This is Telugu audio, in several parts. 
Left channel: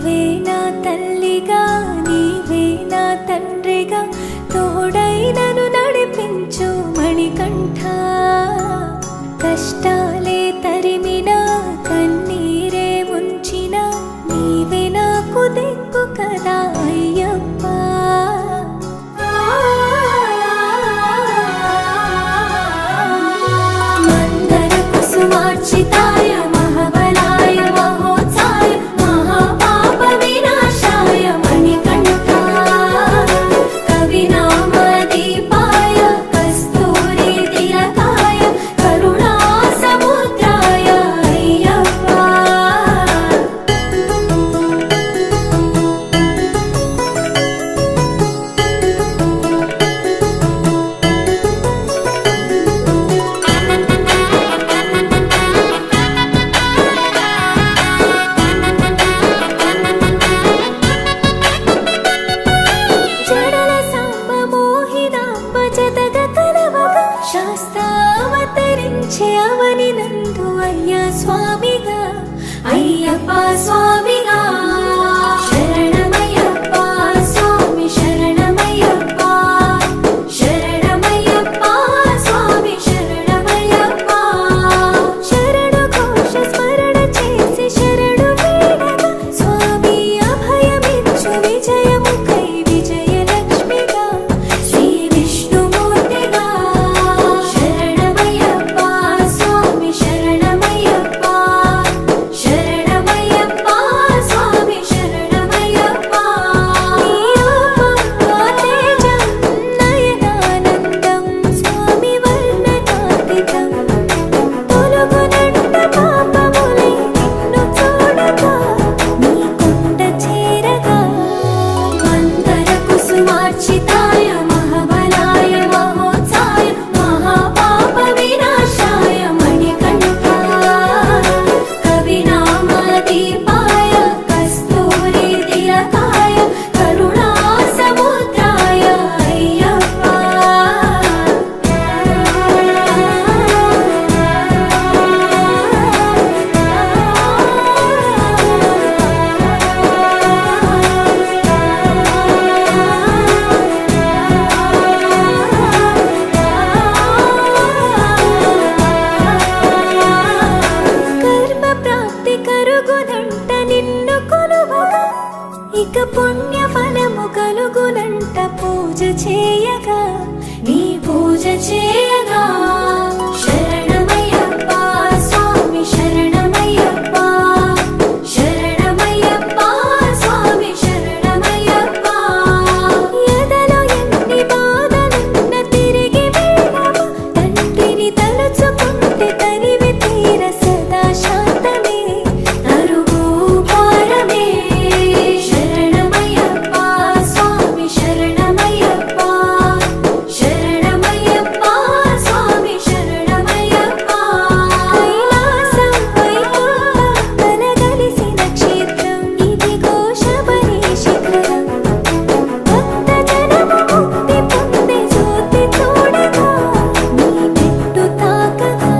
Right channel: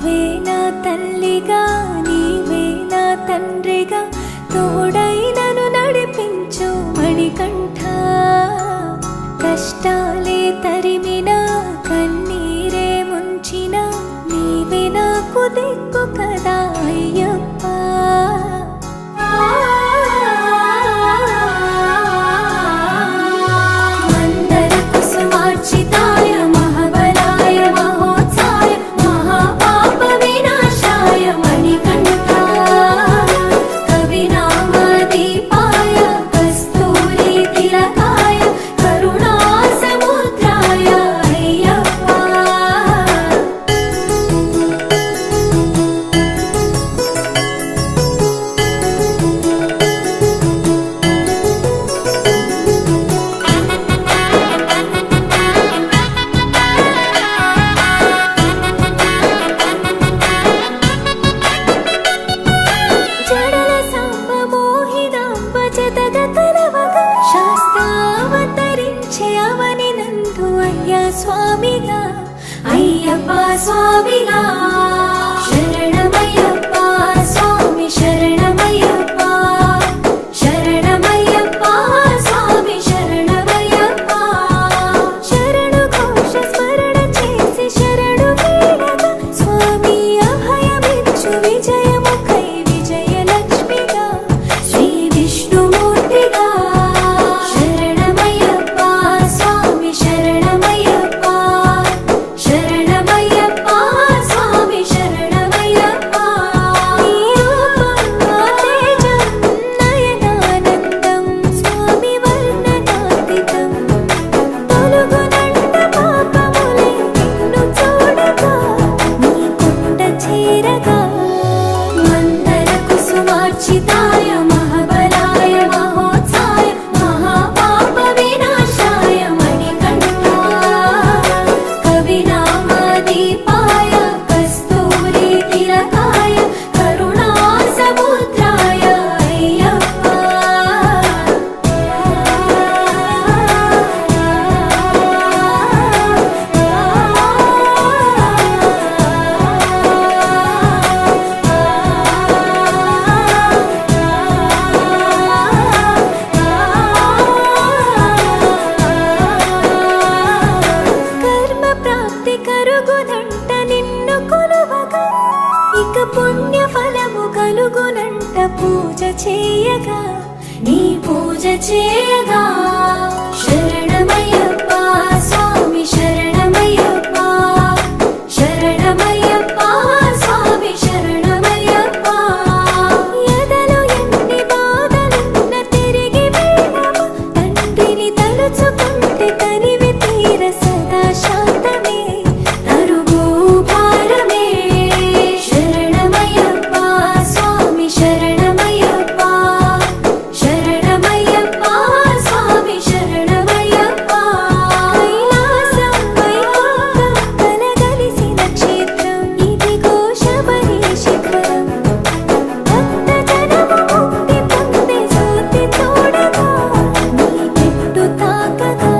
నీవే నా తల్లిగా నీవే నా తండ్రిగా తోడై నన్ను నడిపించు మణికంఠ. కష్టాలే తరిమిన కన్నీరే ముంచిన నీవే నాకు దిక్కు కదా అయ్యప్ప. మందర కుసుమార్చితాయ మహాబలాయ మహోత్సాయ మహాపాప వినాశాయ మణికంఠ. కవినామ దీపాయ కస్తూరి తిలకాయ కరుణా సముద్రాయ అయ్యప్ప. జడల సాంబ మోహినాంబ జతగ కలవగా శాస్త్రావతరించే అవని నందు అయ్యా స్వామిగా అయ్యప్ప స్వామిగా. శరణమయ్యప్ప స్వామి శరణమయ్యప్ప శరణమయ్యప్ప స్వామి శరణమయ్యప్ప. శరణు ఘోష స్మరణ చేసి శరణు వేడగా స్వామి అభయమిచ్చు విజయముఖై విజయలక్ష్మిగా శ్రీ విష్ణుమూర్తిగా. శరణమయ్యప్ప స్వామి శరణమయ్యప్ప శరణమయ్యప్ప స్వామి శరణమయ్యప్ప. నీ రూపం ఆ తేజం నయనానందం స్వామి వర్ణనాతీతం. తొలగునంట పాపములే నిన్ను చూడగా నీ కొండ చేరగా. మందర కుసుమార్చితాయ మహాబలాయ మహోత్సాయ మహాపాప వినాశాయ మణికంఠ. కవినామ దీపాయ కస్తూరి తిలకాయ కరుణా సముద్రాయ అయ్యప్ప. కర్మ ప్రాప్తి కరుగునంట నిన్ను కొలువగా ఇక పుణ్య ఫలము కలుగునంట పూజ చేయగా నీ పూజ చేయగా. శరణమయ్యప్ప స్వామి శరణమయ్యప్ప శరణమయ్యప్ప స్వామి శరణమయ్యప్ప. ఎదలో ఎన్ని బాధలున్న తిరిగి వెళ్ళవా తండ్రిని తలుచుకుంటే తనివి తీర సదా శాంతమే అరుగు భారమే. శరణమయ్యప్ప స్వామి శరణమయ్యప్ప శరణమయ్యప్ప స్వామి శరణమయ్యప్ప. కైలాసం వైకుంఠం కలగలిసిన క్షేత్రం ఇదిగో శబరి శిఖరం. భక్త జనము ముక్తి పొందే జ్యోతి చూడగా నీ మెట్టు తాకగా.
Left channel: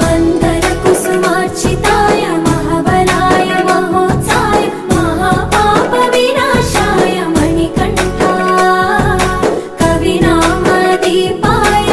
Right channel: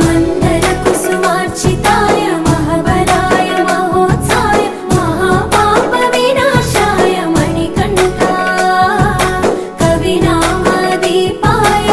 మందర కుసుమార్చితాయ మహాబలాయ మహోత్సాయ మహాపాప వినాశాయ మణికంఠ. కవినామ దీపాయ